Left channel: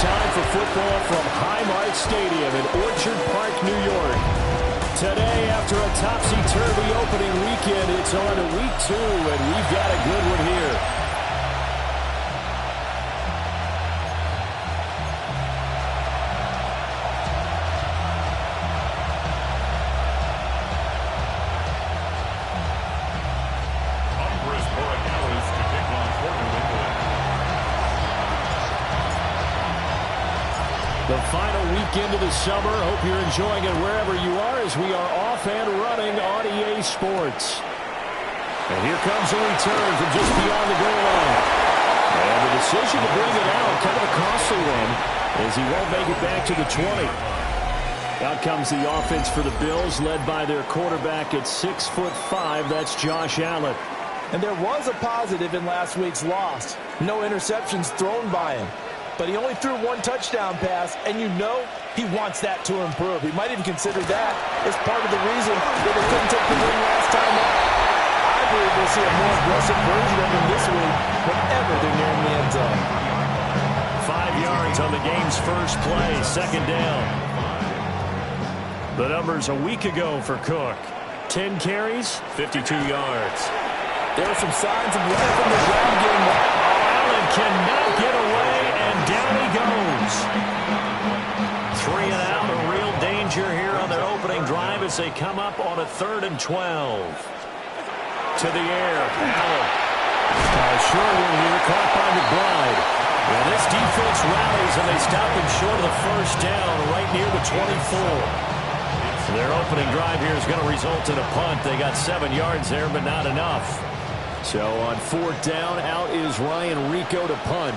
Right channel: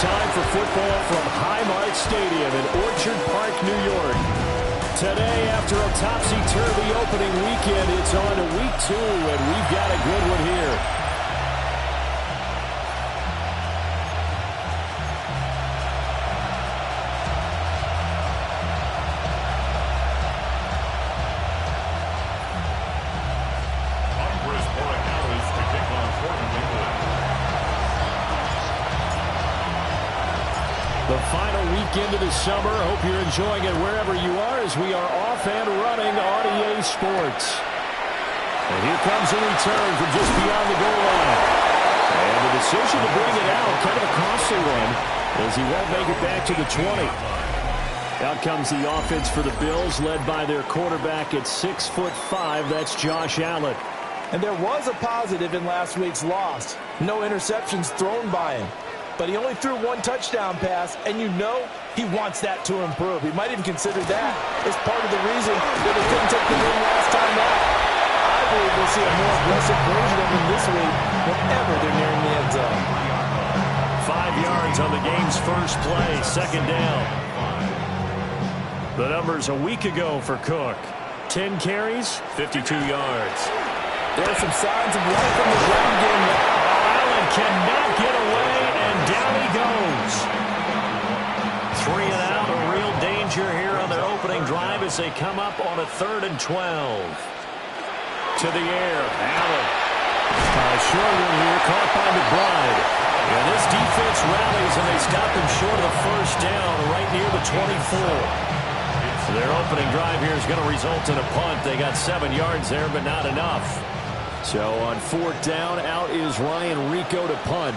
time for football from Highmark Stadium in Orchard Park, New York. Today, after a topsy-turvy opening weekend, it's on to week 2, and we've got a good one here. The final weekend of the summer. Hope you're enjoying it wherever you are as we are off and running on EA Sports. And here comes a return from just beyond the goal line. And the decision to bring it out, kind of a costly one, as he won't make it back to the 20. Out comes the offense for the Bills, led by their quarterback at 6'5". That's Josh Allen. And there was a positive in last week's loss. No interceptions thrown by him. But he only threw one touchdown pass, and you know he wants that to improve. He might even consider that as part of the reason that they couldn't take the win last time out. I believe we'll see a more aggressive version of him this week whenever they're nearing the end zone. 5 yards on the game's first play, second down. The numbers a week ago for Cook. 10 carries, 52 yards. There are some signs of life from the ground game. Allen cannot get away, and down he goes. 3 and out, a real danger here on their opening drive as they come up on a 3rd and 12. To the air, Allen. A short one here, caught by McBride. And this defense rallies, and they stop him short of the first down right near the 24. Their opening drive here is going to result in a punt. They got 7 yards there, but not enough. So on 4th down, out is Ryan Rico to punt.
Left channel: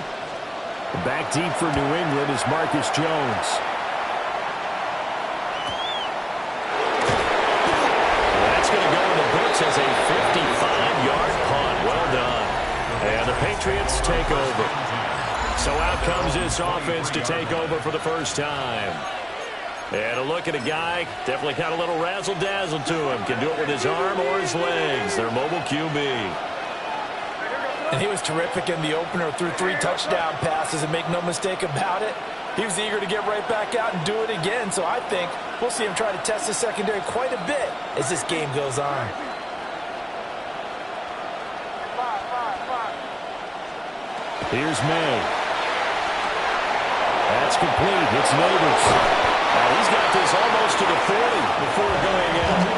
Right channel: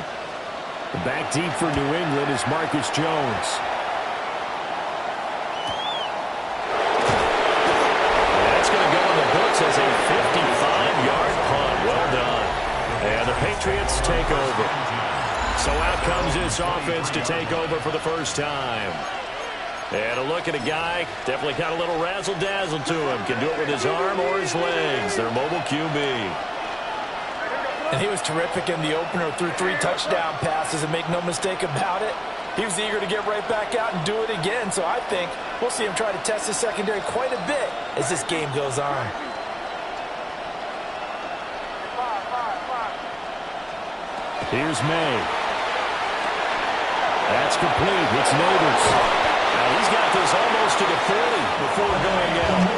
Back deep for New England is Marcus Jones. That's going to go in the books as a 55-yard punt. Well done. And the Patriots take over. So out comes this offense to take over for the first time. And a look at a guy, definitely got a little razzle-dazzle to him. Can do it with his arm or his legs. Their mobile QB. And he was terrific in the opener, threw 3 touchdown passes, and make no mistake about it, he was eager to get right back out and do it again. So I think we'll see him try to test his secondary quite a bit as this game goes on. Here's May. That's complete. It's Neighbors. Now he's got this almost to the 40 before going out.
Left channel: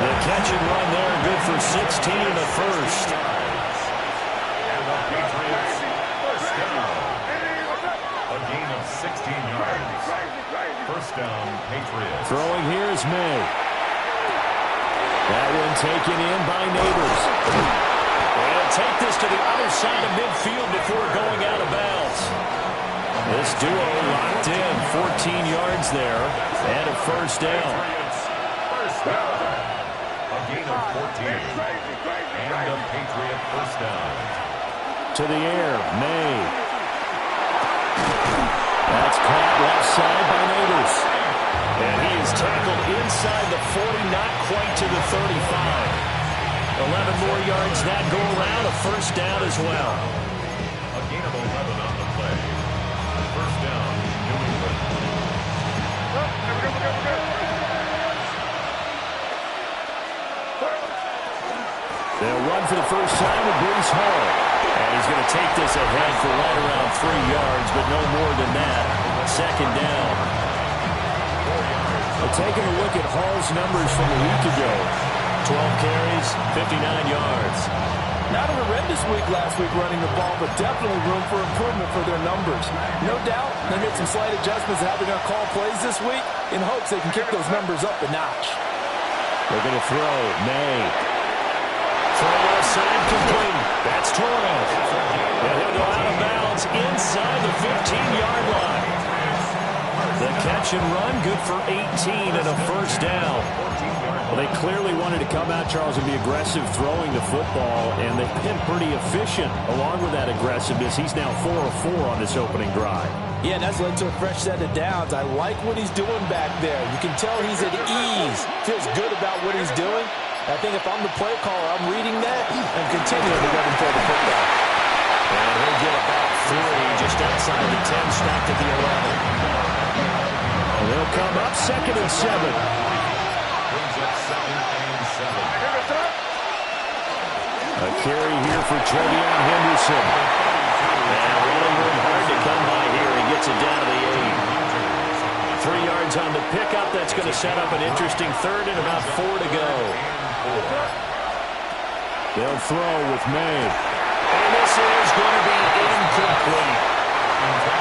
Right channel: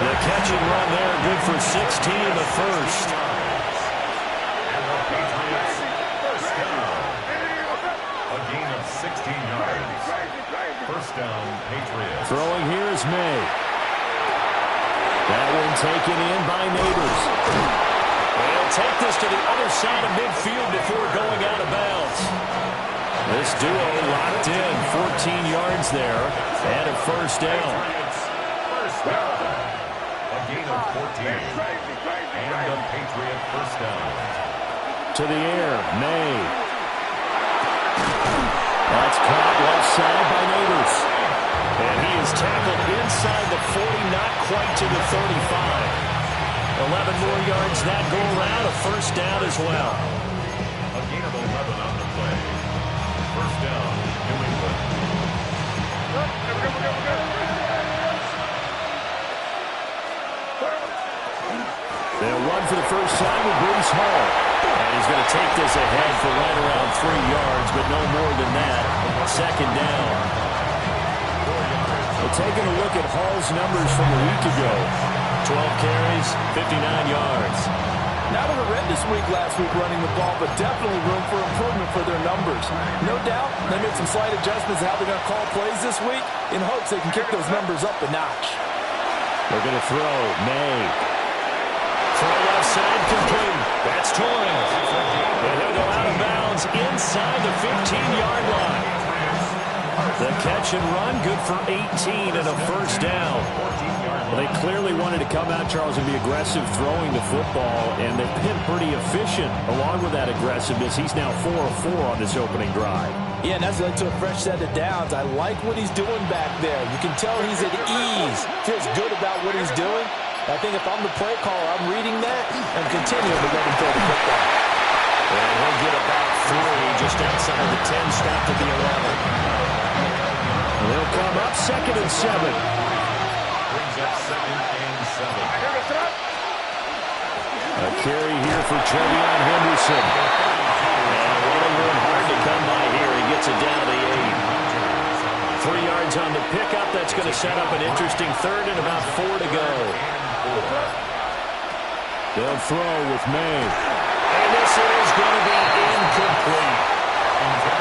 The catch and run there, good for 16 in the first. Patriots, first down. A gain of 16 yards. First down, Patriots. Throwing here is May. That one taken in by Neighbors. And take this to the other side of midfield before going out of bounds. This duo locked in, 14 yards there, and a first down. First down. A gain of 14. And a Patriot first down. To the air, May. That's caught left side by Neighbors. And he is tackled inside the 40, not quite to the 35. 11 more yards that go around, a first down as well. A gain of 11 on the play. First down, New England. They'll run for the first time with Breece Hall. And he's going to take this ahead for right around 3 yards, but no more than that. Second down. Well, taking a look at Hall's numbers from a week ago. 12 carries, 59 yards. Not a horrendous week last week running the ball, but definitely room for improvement for their numbers. No doubt they made some slight adjustments to how they're going to call plays this week in hopes they can kick those numbers up a notch. They're going to throw. May. Throw left side complete. That's Torres. And he'll go out of bounds inside the 15-yard line. The catch and run, good for 18 and a first down. Well, they clearly wanted to come out, Charles, and be aggressive throwing the football, and they've been pretty efficient along with that aggressiveness. He's now 4 of 4 on this opening drive. Yeah, and that's led to a fresh set of downs. I like what he's doing back there. You can tell he's at ease, feels good about what he's doing. I think if I'm the play caller, I'm reading that and continuing to let him throw the football. And he'll get about 3, just outside the 10, stopped at the 11. They'll come up 2nd and 7. Brings up 2nd and 7. A carry here for Trevion Henderson. And running room hard to come by here. He gets it down to the 8. 3 yards on the pickup. That's going to set up an interesting 3rd and about 4 to go. They'll throw with May. And this is going to be incomplete.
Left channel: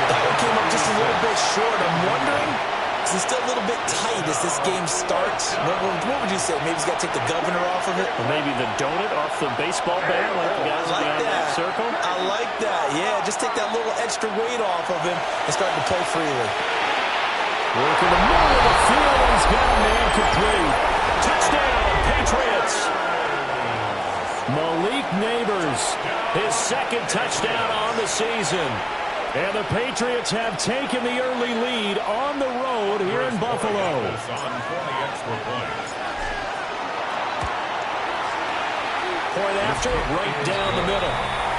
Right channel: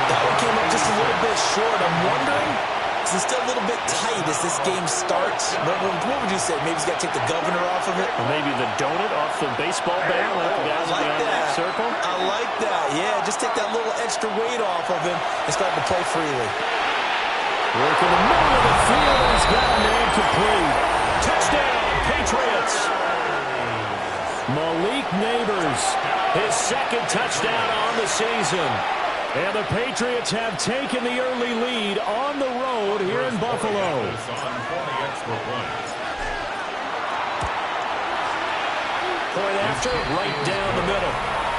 That one came up just a little bit short. I'm wondering, is it still a little bit tight as this game starts? What would you say? Maybe he's got to take the governor off of it? Or maybe the donut off the baseball bat like the guys beyond that circle? I like that. Yeah, just take that little extra weight off of him and start to play freely. Work in the middle of the field, and he's got a man complete. Touchdown, Patriots. Malik Neighbors, his 2nd touchdown on the season. And the Patriots have taken the early lead on the road here in Buffalo. Point after, right down the middle.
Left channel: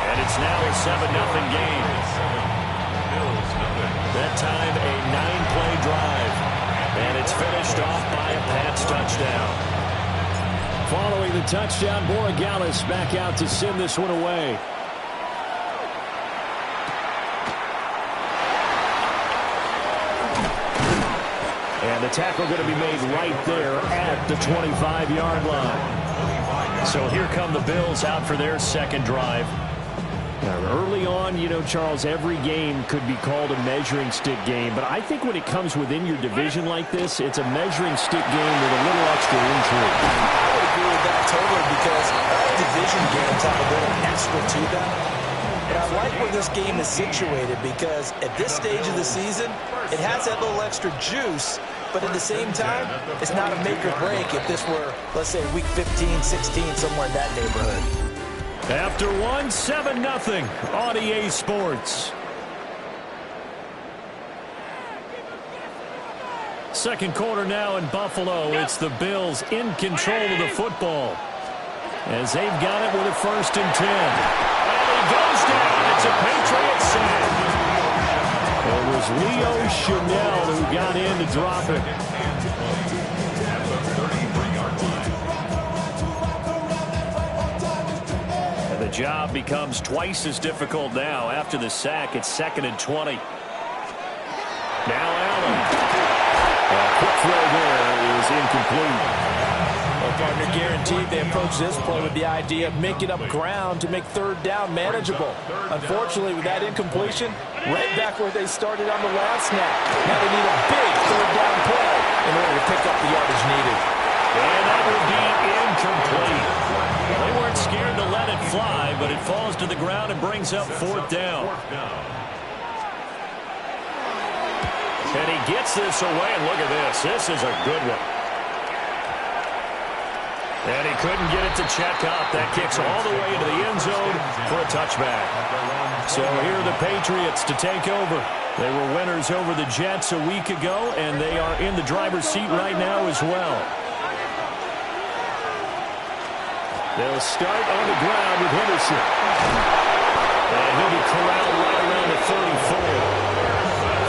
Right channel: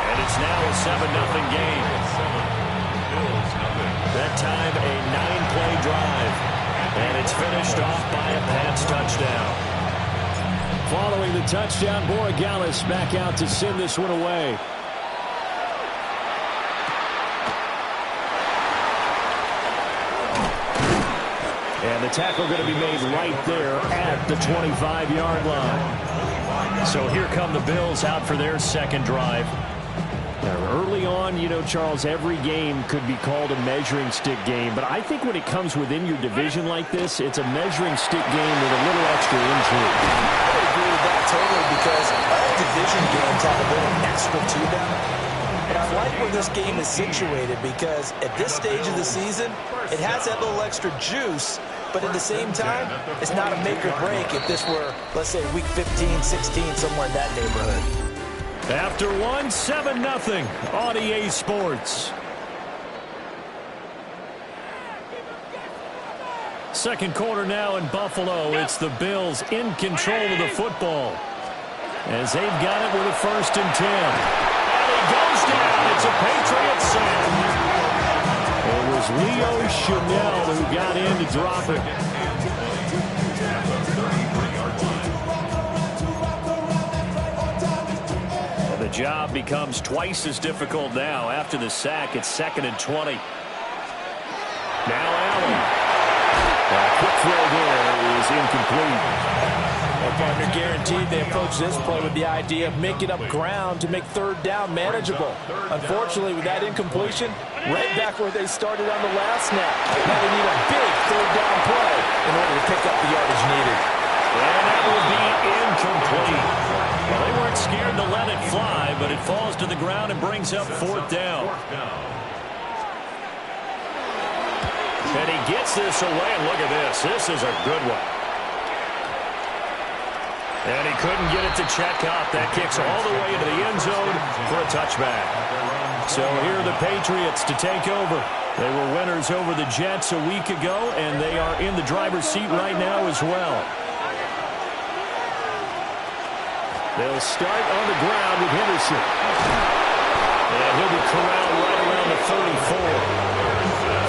And it's now a 7-0 game. That time a 9-play drive. And it's finished off by a Pats touchdown. Following the touchdown, Borregales back out to send this one away. And the tackle going to be made right there at the 25-yard line. So here come the Bills out for their 2nd drive. Now, early on, you know, Charles, every game could be called a measuring stick game. But I think when it comes within your division like this, it's a measuring stick game with a little extra intrigue. I would agree with that totally because all division games have a little extra to them. But I like where this game is situated because at this stage of the season, it has that little extra juice. But at the same time, it's not a make or break if this were, let's say, week 15, 16, somewhere in that neighborhood. After 1, 7-0 on EA Sports. Second quarter now in Buffalo. It's the Bills in control of the football as they've got it with a 1st and 10. And he goes down. It's a Patriot sack. It was Leo Chanel who got in to drop it. And the job becomes twice as difficult now. After the sack, it's 2nd and 20. Now Allen. A quick throw there is incomplete. Well, partner, guaranteed they approach this play with the idea of making up ground to make 3rd down manageable. Unfortunately, with that incompletion, right back where they started on the last snap. Now they need a big 3rd down play in order to pick up the yardage needed. And that will be incomplete. Well, they weren't scared to let it fly, but it falls to the ground and brings up 4th down. And he gets this away, and look at this. This is a good one. And he couldn't get it to check up. That kicks all the way into the end zone for a touchback. So here are the Patriots to take over. They were winners over the Jets a week ago, and they are in the driver's seat right now as well. They'll start on the ground with Henderson. And he'll be corralled right around the 34.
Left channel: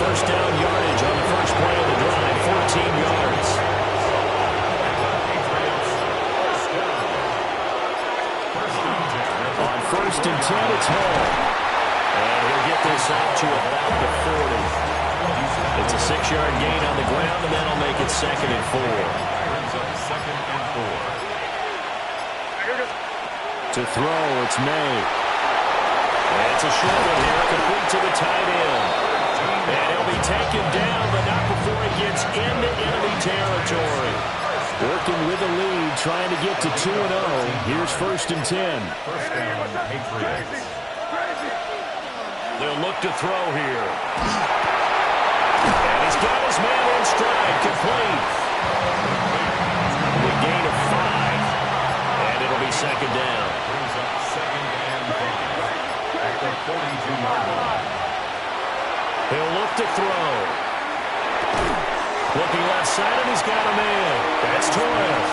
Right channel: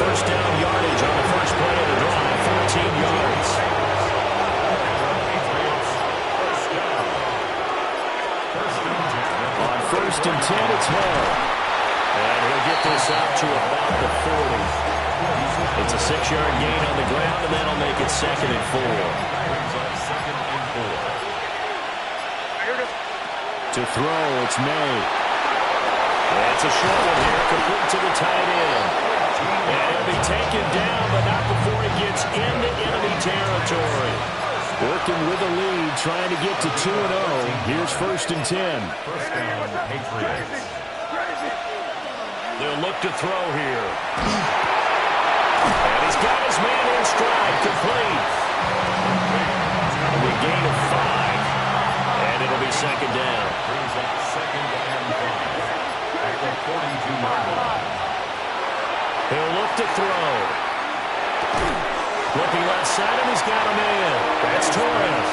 1st down yardage on the first play of the drive, 14 yards. On 1st and 10, it's Hall. And he'll get this out to about the 40. It's a 6-yard gain on the ground, and that'll make it 2nd and 4. To throw, it's May. And it's a short one here, complete to the tight end. And he'll be taken down, but not before he gets into enemy territory. Working with a lead, trying to get to 2-0. Here's 1st and 10. First down, Patriots. They'll look to throw here. And he's got his man in stride, complete. A gain of 5. And it'll be 2nd down. Brings up 2nd and 5. At the 42-yard line. He'll look to throw. Looking left side, and he's got a man. That's Torres.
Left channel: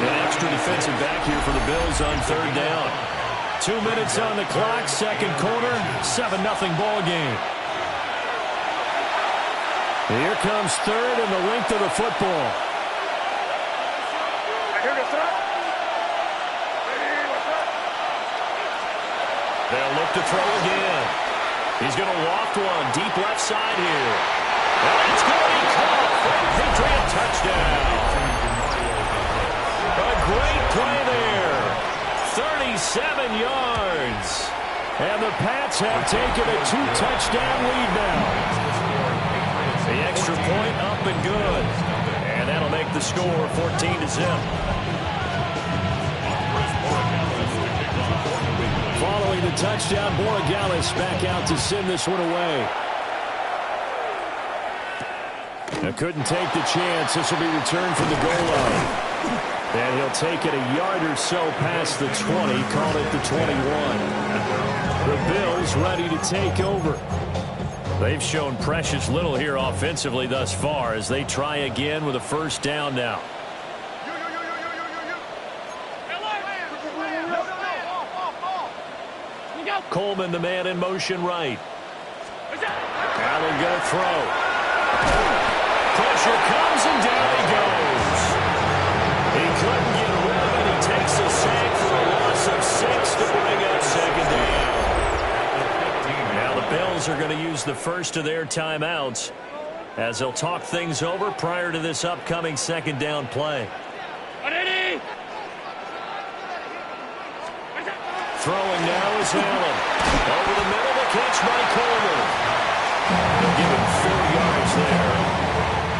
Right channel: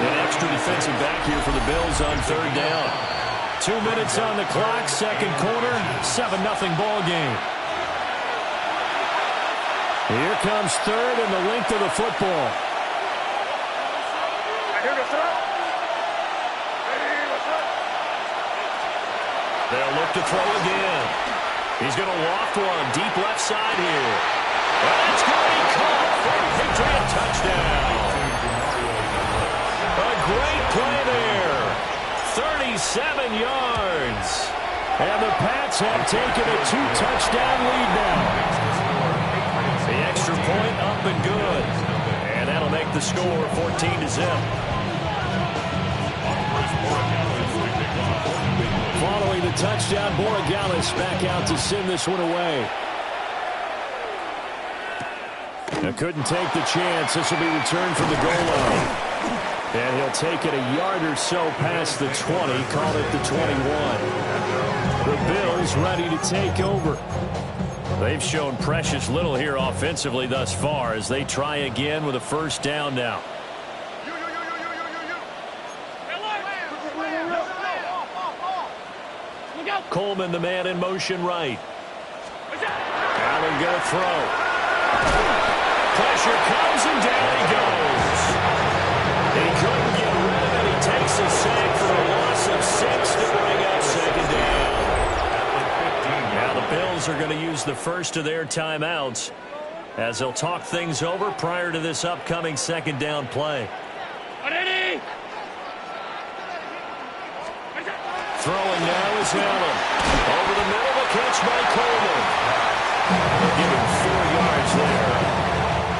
An extra defensive back here for the Bills on 3rd down. 2 minutes on the clock, second quarter, 7-0 ball game. Here comes third and the length of the football. They'll look to throw again. He's going to loft one deep left side here. And it's going to be caught for a Patriot touchdown. A great play there. 37 yards. And the Pats have taken a 2-touchdown lead now. The extra point up and good. And that'll make the score 14-0. Following the touchdown, Borregales back out to send this one away. Now couldn't take the chance. This will be returned from the goal line. And he'll take it a yard or so past the 20, called it the 21. The Bills ready to take over. They've shown precious little here offensively thus far as they try again with a first down now. Coleman, the man in motion right. Allen going to throw. Pressure comes and down he goes. He couldn't get rid of it. He takes a sack for a loss of 6 to bring up second down. Now the Bills are going to use the first of their timeouts as they'll talk things over prior to this upcoming second down play. Throwing now is Allen. Over the middle, the catch by Coleman. They'll give him 4 yards there.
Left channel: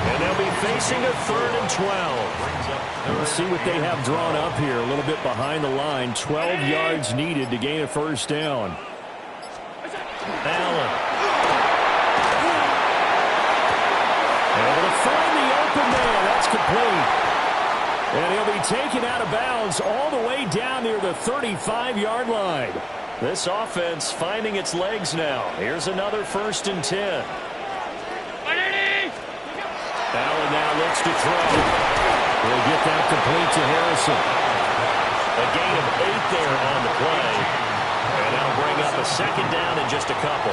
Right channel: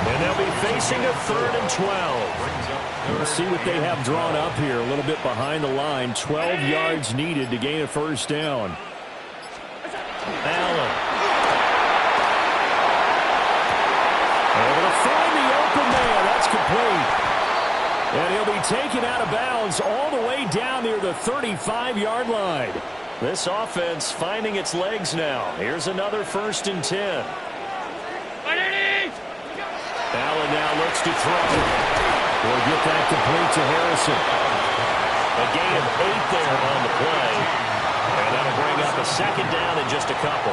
And they'll be facing a 3rd and 12. We'll see what they have drawn up here. A little bit behind the line. 12 yards needed to gain a first down. Allen. Able to find the open man. That's complete. And he'll be taken out of bounds all the way down near the 35-yard line. This offense finding its legs now. Here's another 1st and 10. Allen now looks to throw. He'll get that complete to Harrison. A gain of 8 there on the play. And that'll bring up a second down in just a couple.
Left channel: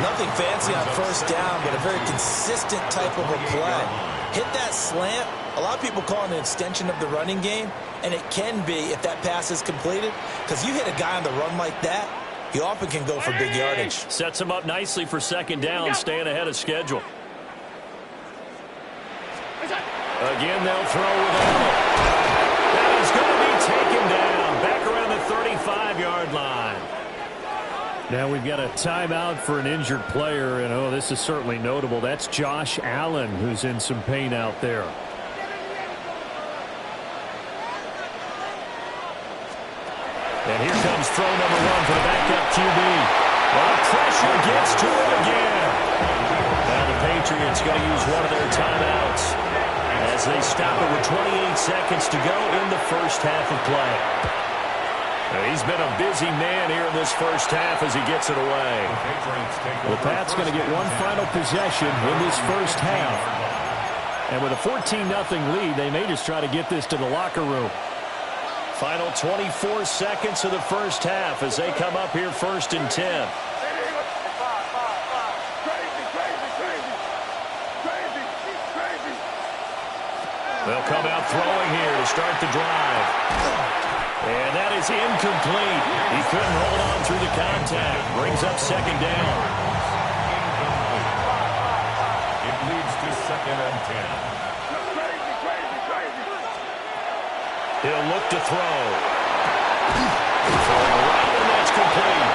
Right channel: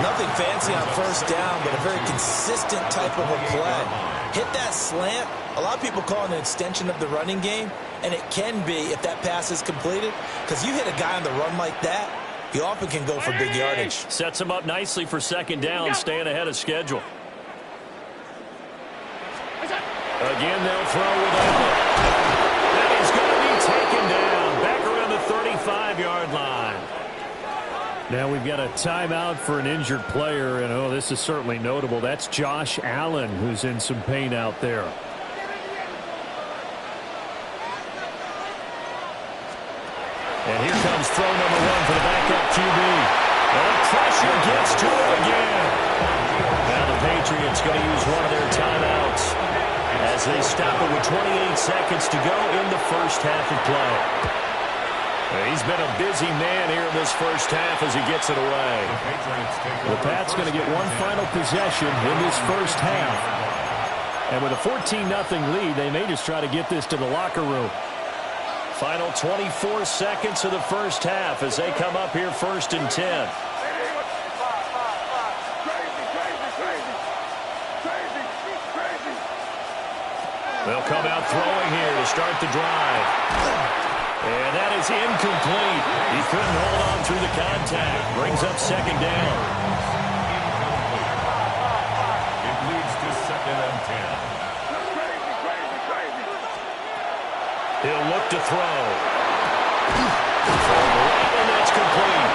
Nothing fancy on first down, but a very consistent type of a play. Hit that slant. A lot of people call it an extension of the running game, and it can be if that pass is completed, because you hit a guy on the run like that, he often can go for big yardage. Sets him up nicely for second down, staying ahead of schedule. Again, they'll throw with Allen. And he's going to be taken down back around the 35-yard line. Now we've got a timeout for an injured player, and oh, this is certainly notable. That's Josh Allen, who's in some pain out there. And here comes throw number 1 for the backup QB. Well, the pressure gets to him again. Now the Patriots going to use one of their timeouts as they stop it with 28 seconds to go in the first half of play. He's been a busy man here in this first half as he gets it away. The Pats going to get one final possession in this first half. And with a 14-0 lead, they may just try to get this to the locker room. Final 24 seconds of the first half as they come up here 1st and 10. They'll come out throwing here to start the drive. And that is incomplete. He couldn't hold on through the contact. Brings up second down. Incomplete. It leads to 2nd and 10. He'll look to throw. Throwing right, and that's complete.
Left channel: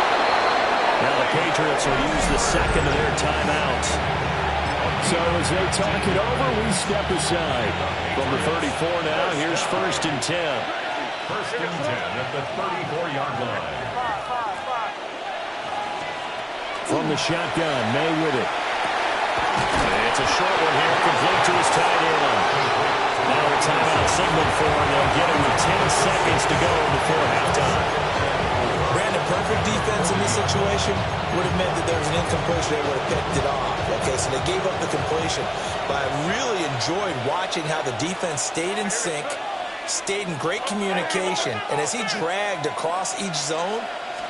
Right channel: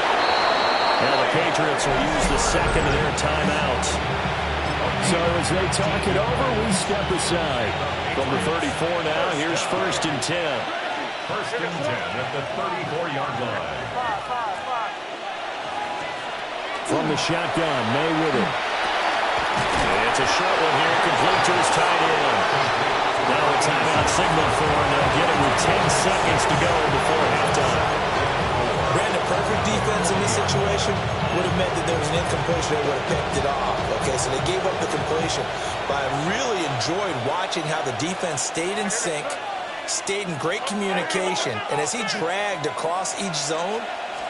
Now the Patriots will use the second of their timeouts. So as they talk it over, we step aside. From the 34 now, here's 1st and 10. 1st and 10 at the 34-yard line. From the shotgun, May with it. It's a short one here, complete to his tight end. Now a timeout signaled for, and they'll get it with 10 seconds to go before halftime. Brandon, perfect defense in this situation would have meant that there was an incompletion. They would have picked it off. Okay, so they gave up the completion. But I really enjoyed watching how the defense stayed in sync, stayed in great communication, and as he dragged across each zone,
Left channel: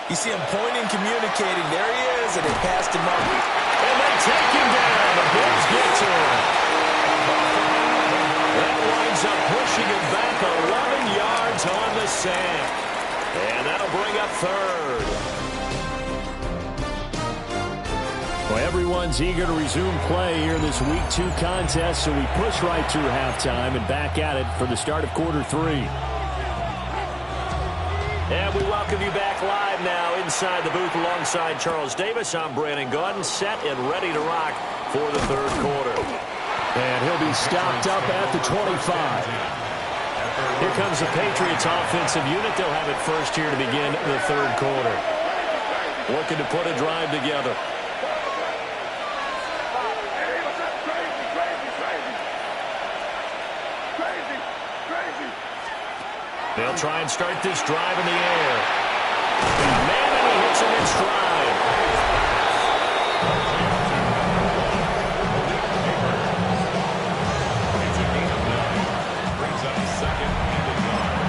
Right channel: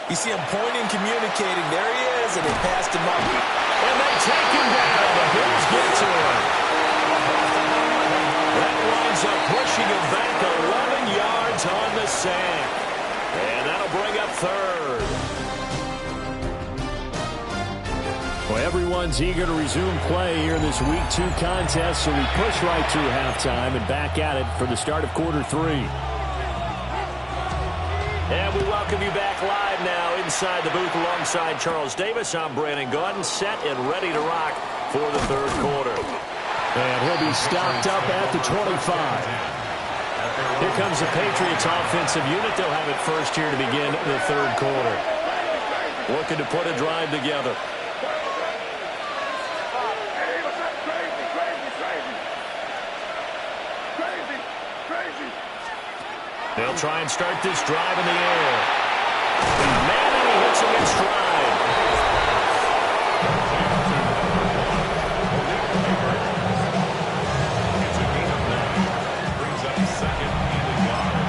you see him pointing, communicating. There he is, and they passed him up. And they take him down. The Bills get to him. That winds up pushing him back 11 yards on the sack. And that'll bring up third. Well, everyone's eager to resume play here in this Week 2 contest, so we push right through halftime and back at it for the start of quarter 3. And we welcome you back live now inside the booth alongside Charles Davis. I'm Brandon Gaudin, set and ready to rock for the third quarter. And he'll be stopped up at the 25. Here comes the Patriots offensive unit. They'll have it first here to begin the third quarter. Looking to put a drive together. They'll try and start this drive in the air. Man, and he hits him in stride. It's a gain of 9. Brings up second and a yard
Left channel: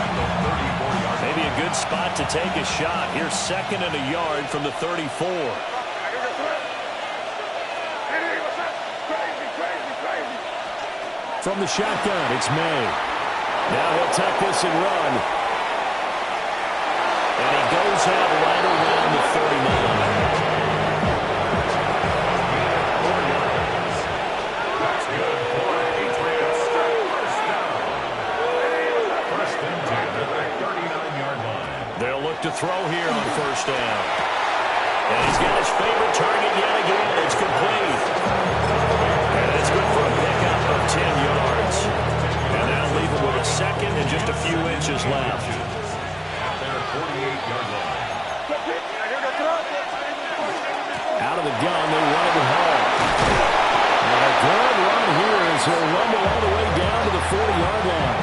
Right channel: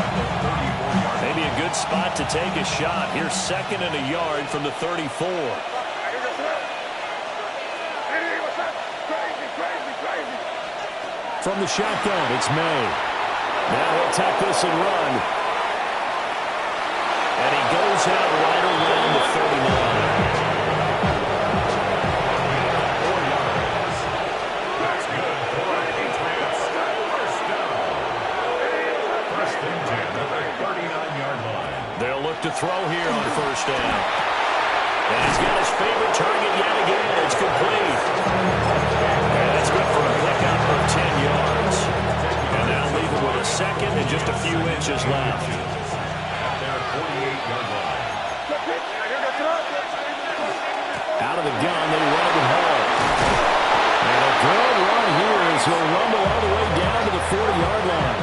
at the 34-yard line. Maybe a good spot to take a shot. Here's second and a yard from the 34. From the shotgun, it's May. Now he'll tuck this and run. And he goes out right around the 39. 4 yards. That's good for Patriots. First down. First and 10 at the 39-yard line. They'll look to throw here on first down. And he's got his favorite target yet again. It's complete. And it's good for a pickup of 10 yards. And now leave it with a second and just a few inches left. At their 48-yard line. Out of the gun, they run it with Hall. And a good run here as he'll rumble all the way down to the 40-yard line.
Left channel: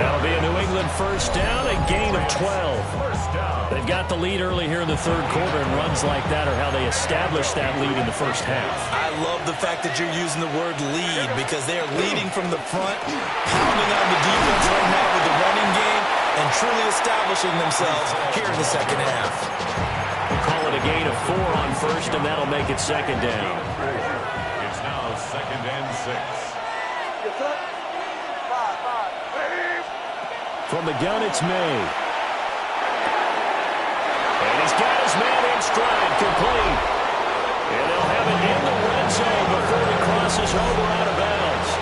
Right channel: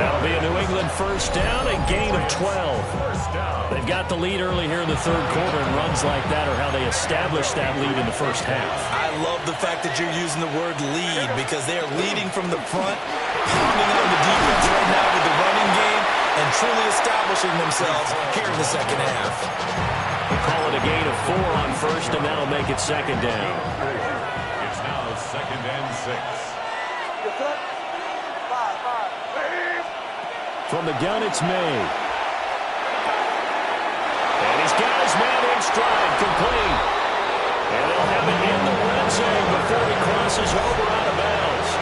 That'll be a New England first down, a gain of 12. They've got the lead early here in the third quarter, and runs like that are how they establish that lead in the first half. I love the fact that you're using the word lead because they are leading from the front, pounding on the defense right now with the running game, and truly establishing themselves here in the second half. We'll call it a gain of 4 on first, and that'll make it second down. It's now second and 6. From the gun, it's May. And he's got his man in stride, complete. And they'll have it in the red zone before he crosses over out of bounds.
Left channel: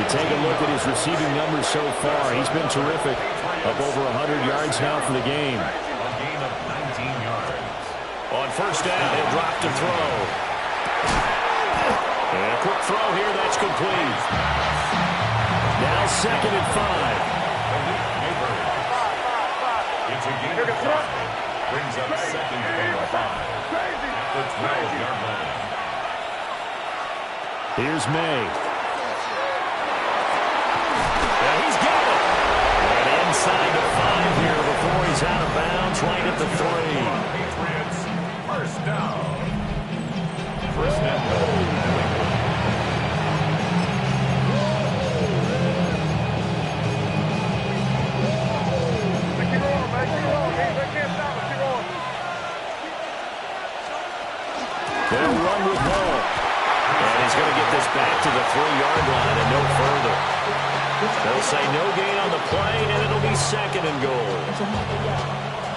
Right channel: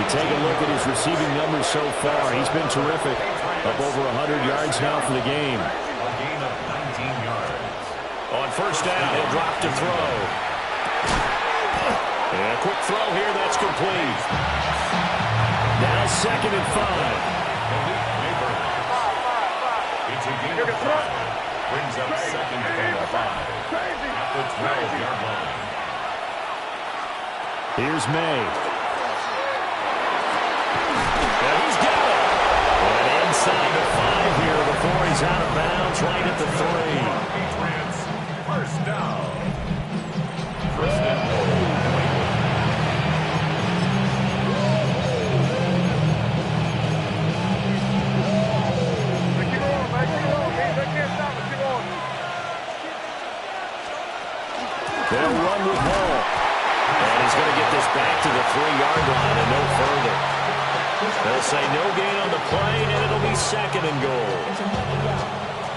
You take a look at his receiving numbers so far. He's been terrific. Up over 100 yards now for the game. A gain of 19 yards. On first down, he'll drop to throw. And a quick throw here, that's complete. Now second and 5. It's a gain of 5. Brings up second and 5 at the 12-yard line. Here's May. And he's got it. And inside the 5 here before he's out of bounds, right at the 3. Patriots, first down. First and goal, New England. They'll run with Hall. And he's going to get this back to the 3-yard line and no further. They'll say no gain on the play, and it'll be second and goal.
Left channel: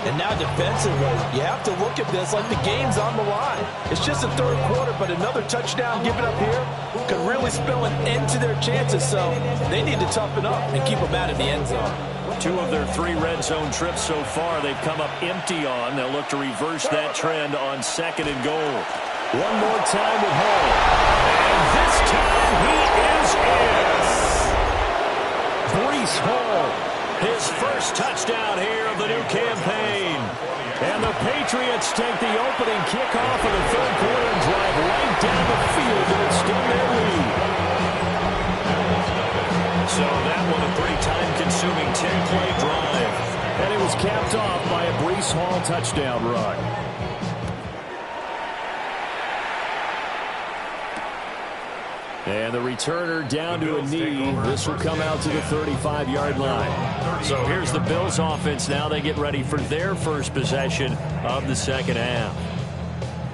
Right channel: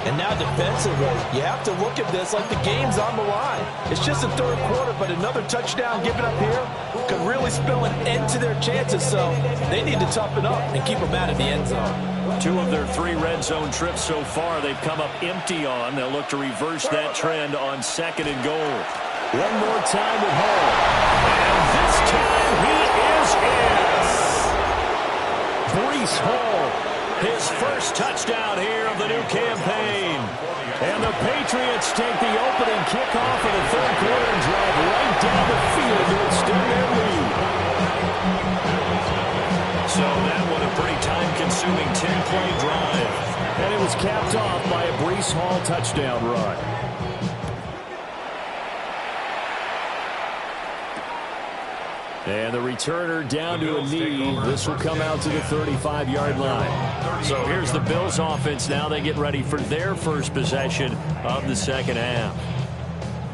And now defensively, you have to look at this like the game's on the line. It's just the third quarter, but another touchdown given up here could really spell an end to their chances. So they need to toughen up and keep them out of the end zone. 2 of their 3 red zone trips so far they've come up empty on. They'll look to reverse that trend on second and goal. One more time with Hall. And this time he is in. Breece Hall, his first touchdown here of the new campaign. And the Patriots take the opening kickoff of the third quarter and drive right down the field to extend their lead. So that one a pretty time-consuming 10-play drive. And it was capped off by a Breece Hall touchdown run. And the returner down to a knee. This will come out to the 35-yard line. So here's the Bills offense now. They get ready for their first possession of the second half.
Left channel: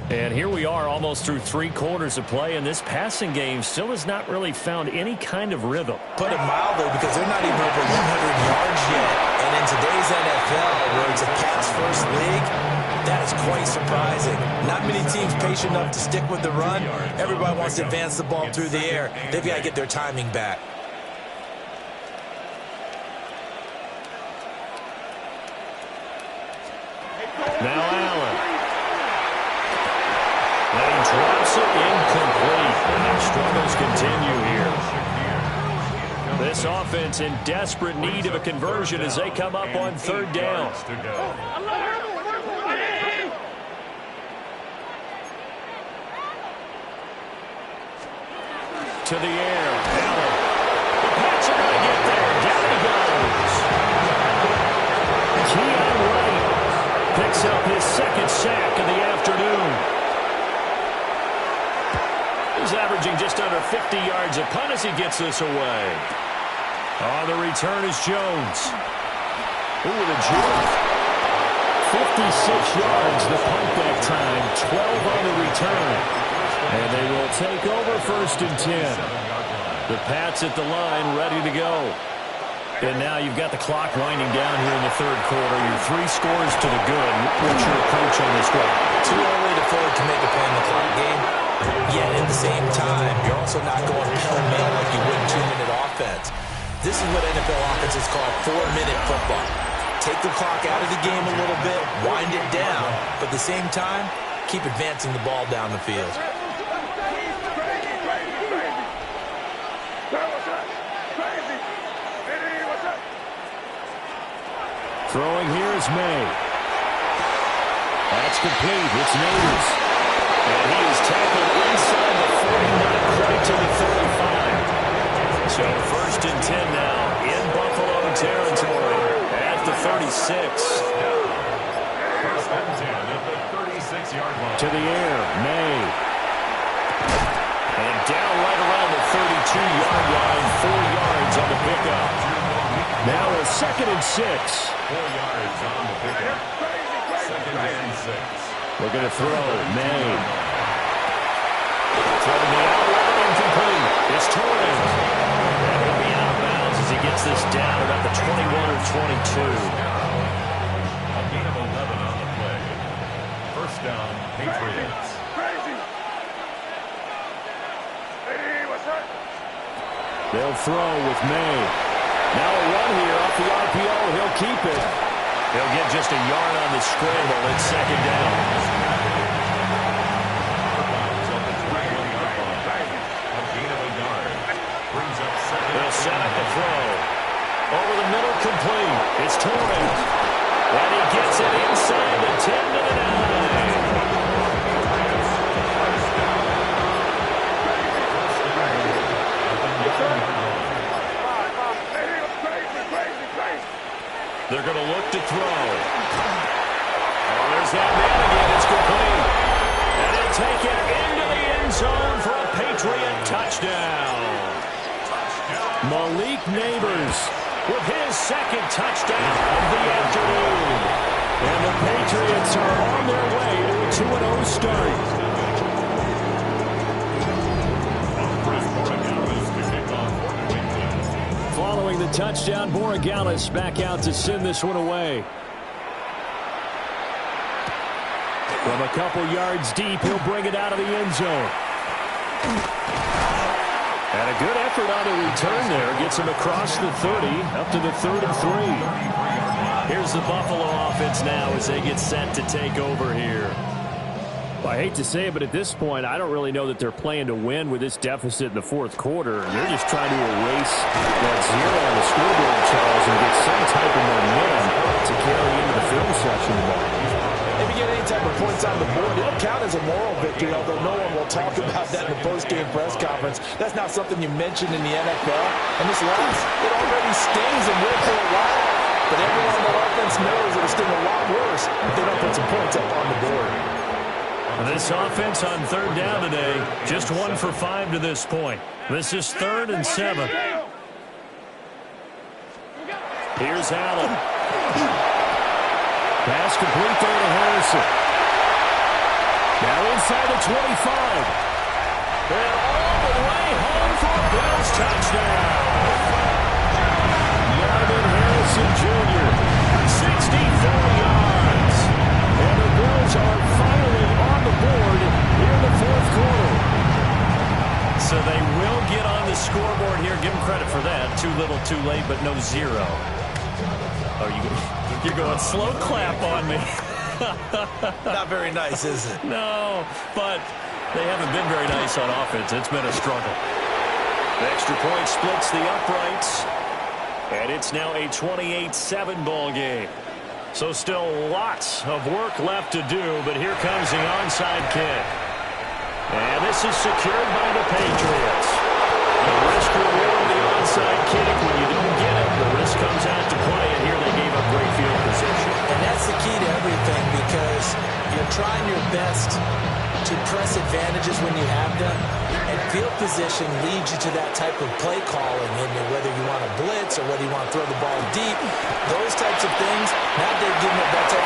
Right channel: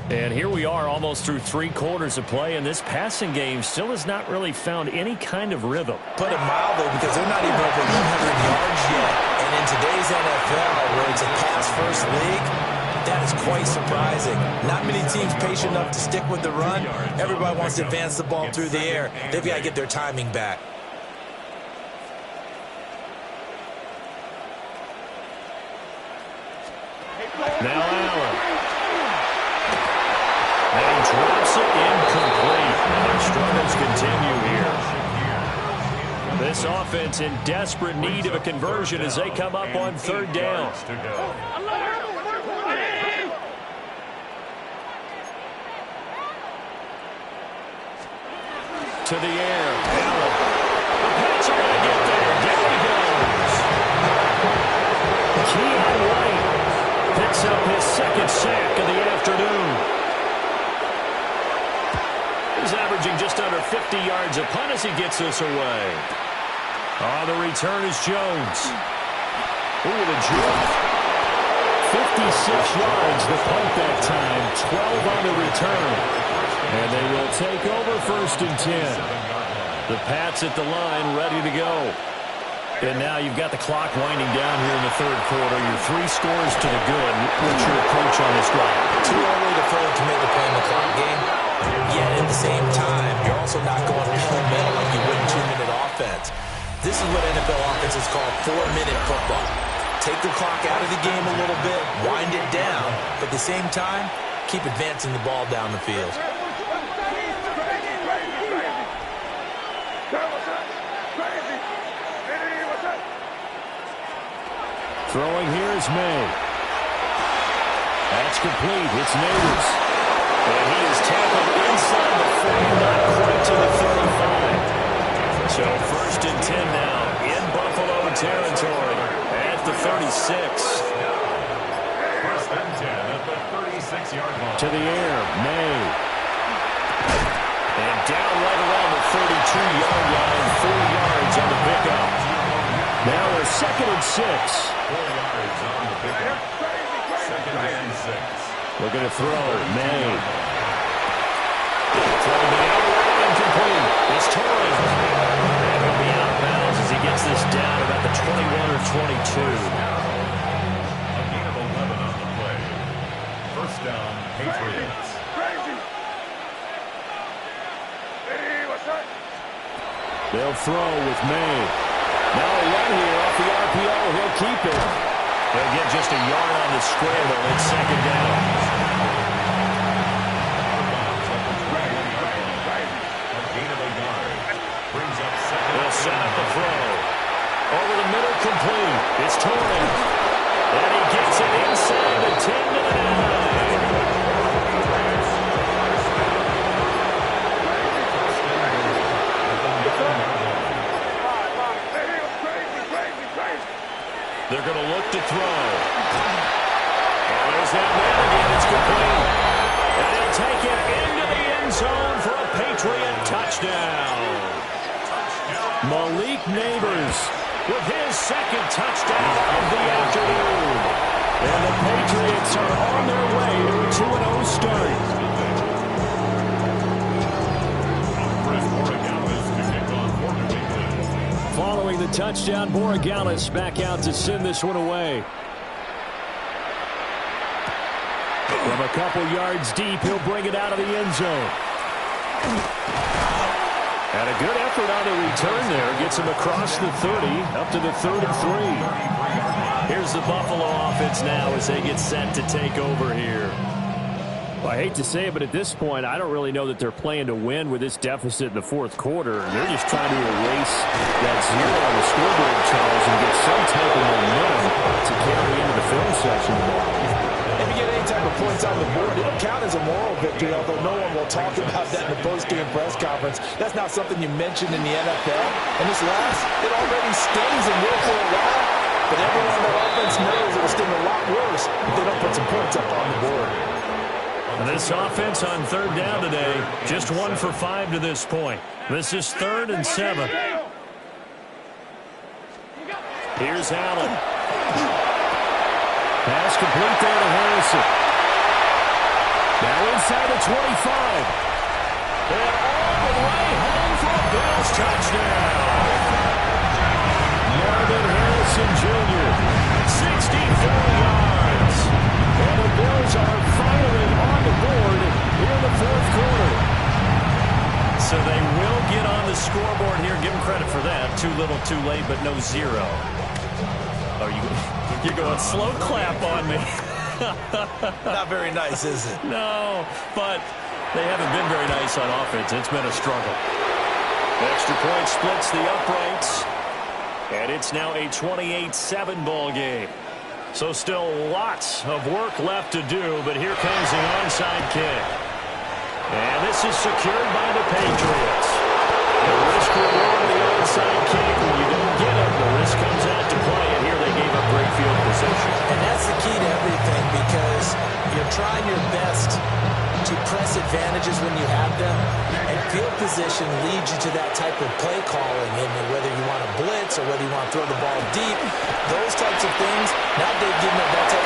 And here we are almost through 3 quarters of play, and this passing game still has not really found any kind of rhythm. Put it mildly, because they're not even over 100 yards yet. And in today's NFL, where it's a pass-first league, that is quite surprising. Not many teams patient enough to stick with the run. Everybody wants to advance the ball through the air. They've got to get their timing back. Now Allen. And he drops it incomplete. And their struggles continue here. This offense in desperate need of a conversion as they come up on 3rd down. To the air. Allen. The Pats are going to get there. Down he goes. Keon Wright picks up his 2nd sack of the afternoon. He's averaging just under 50 yards a punt as he gets this away. On the return is Jones. Ooh, the juke. 56 yards the punt that time. 12 on the return. And they will take over 1st and 10. The Pats at the line ready to go. And now you've got the clock winding down here in the 3rd quarter. You're 3 scores to the good. What's your approach on this drive? Too early to fully commit to playing the clock game. Yet at the same time, you're also not going pell-mell like you would in 2-minute offense. This is what NFL offenses call 4-minute football. Take the clock out of the game a little bit, wind it down, but at the same time, keep advancing the ball down the field. Throwing here is May. That's complete. It's Neighbors. And he is tackled inside the 40, not quite to the 35. So 1st and 10 now in Buffalo territory at the 36. 1st and 10 at the 36-yard line. To the air, May. And down right around the 32-yard line, 4 yards on the pickup. Now a 2nd and 6. 4 yards on the pickup. 2nd and 6. Looking to throw, May. Throwing the out route incomplete. It's Torres. And he'll be out of bounds as he gets this down about the 21 or 22. A gain of 11 on the play. 1st down, Patriots. They'll throw with May. Now a run here off the RPO. He'll keep it. He'll get just a yard on the scramble. It's 2nd down. Out of bounds at the 21-yard line. A gain of a yard. Brings up 2nd. They'll set up the throw. Over the middle, complete. It's Torres. And he gets it inside the 10 to the 9. They're going to look to throw. Oh, there's that man again. It's complete. And he'll take it into the end zone for a Patriot touchdown. Malik Neighbors with his 2nd touchdown of the afternoon. And the Patriots are on their way to a 2-0 start. Following the touchdown, Borregales back out to send this one away. From a couple yards deep, he'll bring it out of the end zone. And a good effort on the return there. Gets him across the 30, up to the 3rd and 3. Here's the Buffalo offense now as they get set to take over here. Well, I hate to say it, but at this point, I don't really know that they're playing to win with this deficit in the 4th quarter. They're just trying to erase that 0 on the scoreboard, Charles, and get some type of momentum to carry into the film section tomorrow. If you get any type of points on the board, it'll count as a moral victory, although no one will talk about that in the post-game press conference. That's not something you mentioned in the NFL. And this loss, it already stings and will for a while. But everyone on that offense knows it'll sting a lot worse if they don't put some points up on the board. And this offense on third down today, just 1 for 5 to this point. This is 3rd and 7. Here's Allen. Pass complete there to Harrison. Now inside the 25. And all the way home for a Bills touchdown. Marvin Harrison Jr., 64 yards. And the Bills are finally on the board here in the 4th quarter. So they will get on the scoreboard here. Give them credit for that. Too little, too late, but no 0. Oh, you're going slow clap on me. Not very nice, is it? No, but they haven't been very nice on offense. It's been a struggle. The extra point splits the uprights. And it's now a 28-7 ball game. So still lots of work left to do, but here comes the onside kick. And this is secured by the Patriots. The risk reward of the onside kick, when you don't get it, the risk comes out to play, and here they gave up great field position. And that's the key to everything, because you're trying your best to press advantages when you have them, and field position leads you to that type of play calling, and whether you want to blitz or whether you want to throw the ball deep, those types of things. Now they've given it that type.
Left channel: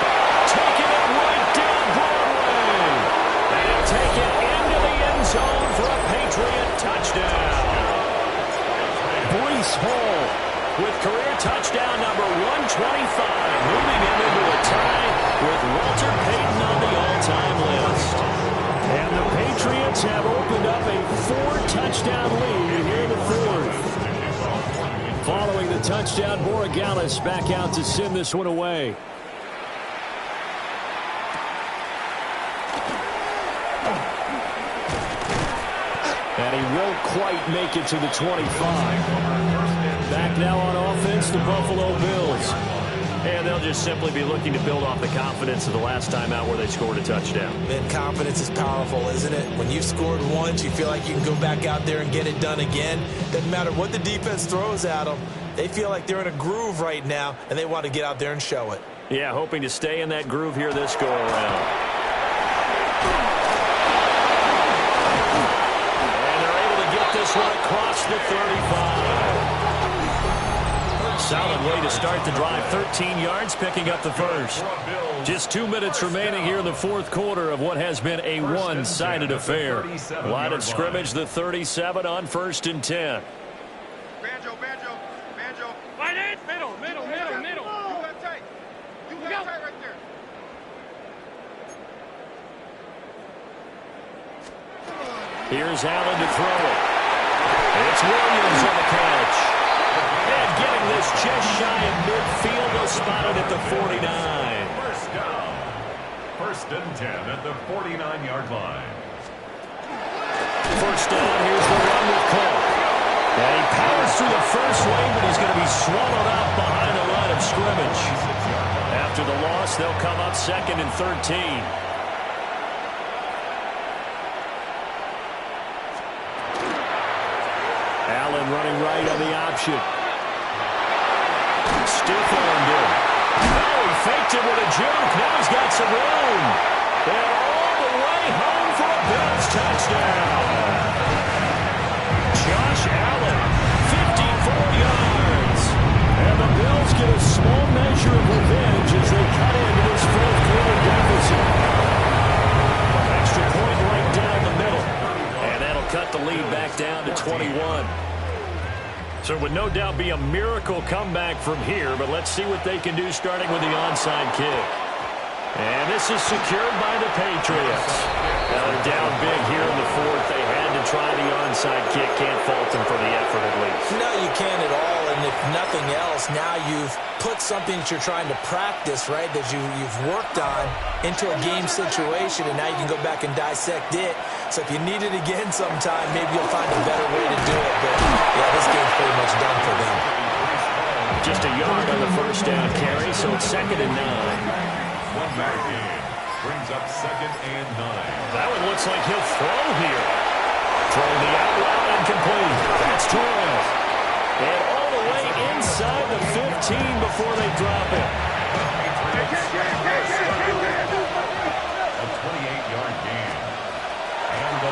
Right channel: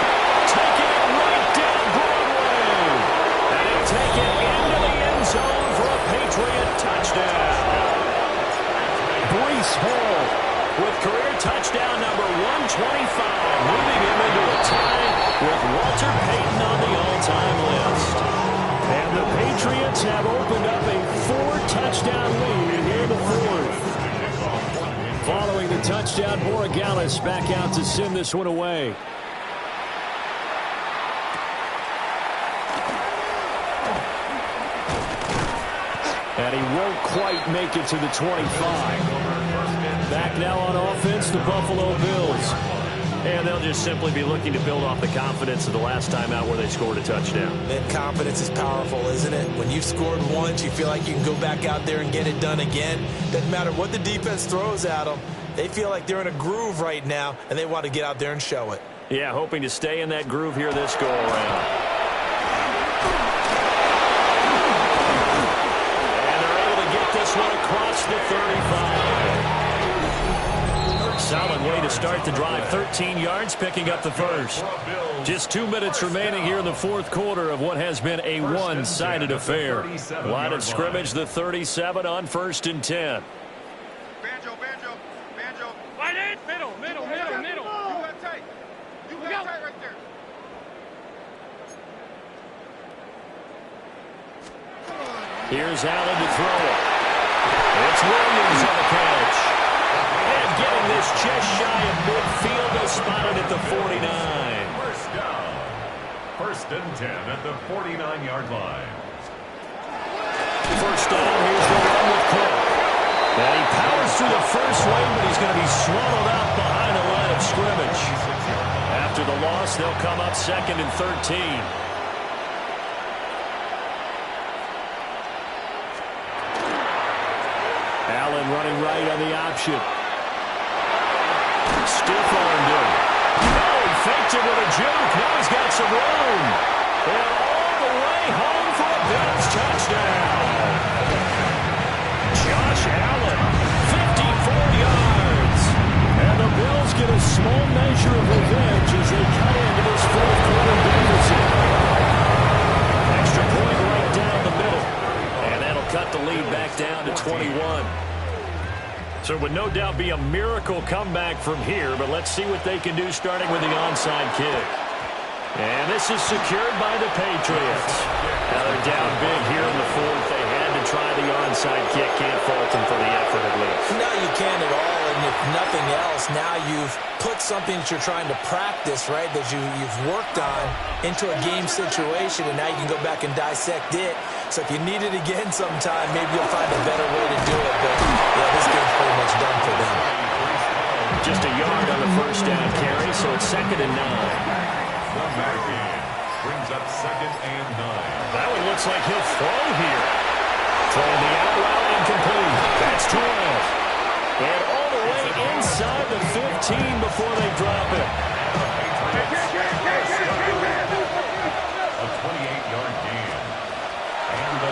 Taking it right down Broadway, and he'll take it into the end zone for a Patriot touchdown. Breece Hall with career touchdown number 125, moving him into a tie with Walter Payton on the all-time list. And the Patriots have opened up a 4-touchdown lead here in the 4th. Following the touchdown, Borregales back out to send this one away. And he won't quite make it to the 25. Back now on offense, the Buffalo Bills. And they'll just simply be looking to build off the confidence of the last time out where they scored a touchdown. And confidence is powerful, isn't it? When you've scored once, you feel like you can go back out there and get it done again. Doesn't matter what the defense throws at them. They feel like they're in a groove right now, and they want to get out there and show it. Yeah, hoping to stay in that groove here this go-around. And they're able to get this one across the 35. Solid way to start the drive. 13 yards, picking up the first. Just 2 minutes remaining here in the 4th quarter of what has been a one-sided affair. Line of scrimmage, the 37 on 1st and 10. Banjo. Right in. Middle. You got tight. You got tight right there. Here's Allen to throw it. It's Williams on the catch. And getting this just shy of midfield, they'll spot it at the 49. First down. 1st and 10 at the 49-yard line. First down, here's the run with Cook. And he powers through the first wave, but he's going to be swallowed up behind the line of scrimmage. After the loss, they'll come up 2nd and 13. Allen running right on the option. Stiff-armed him. Oh, he faked it with a juke. Now he's got some room. And all the way home for a Bills touchdown. Josh Allen, 54 yards. And the Bills get a small measure of revenge as they cut into this 4th quarter deficit. Extra point right down the middle. And that'll cut the lead back down to 21. So it would no doubt be a miracle comeback from here, but let's see what they can do starting with the onside kick. And this is secured by the Patriots. Now they're down big here in the 4th. They had to try the onside kick. Can't fault them for the effort at least. No, you can't at all. And if nothing else, now you've put something that you're trying to practice, right, that you've worked on into a game situation, and now you can go back and dissect it. So if you need it again sometime, maybe you'll find a better way to do it. But, yeah, this game's pretty much done for them. Just a yard on the first down carry, so it's 2nd and 9. One back in. Brings up 2nd and 9. That one looks like he'll throw here. Throwing the out route incomplete. That's Torres. And all the way inside the 15 before they drop it. A 28-yard gain.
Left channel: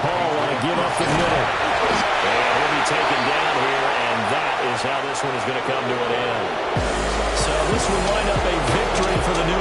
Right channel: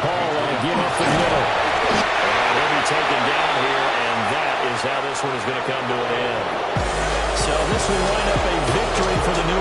Paul want to give up the middle. And he'll be taken down here, and that is how this one is going to come to an end. So this will wind up a victory for the New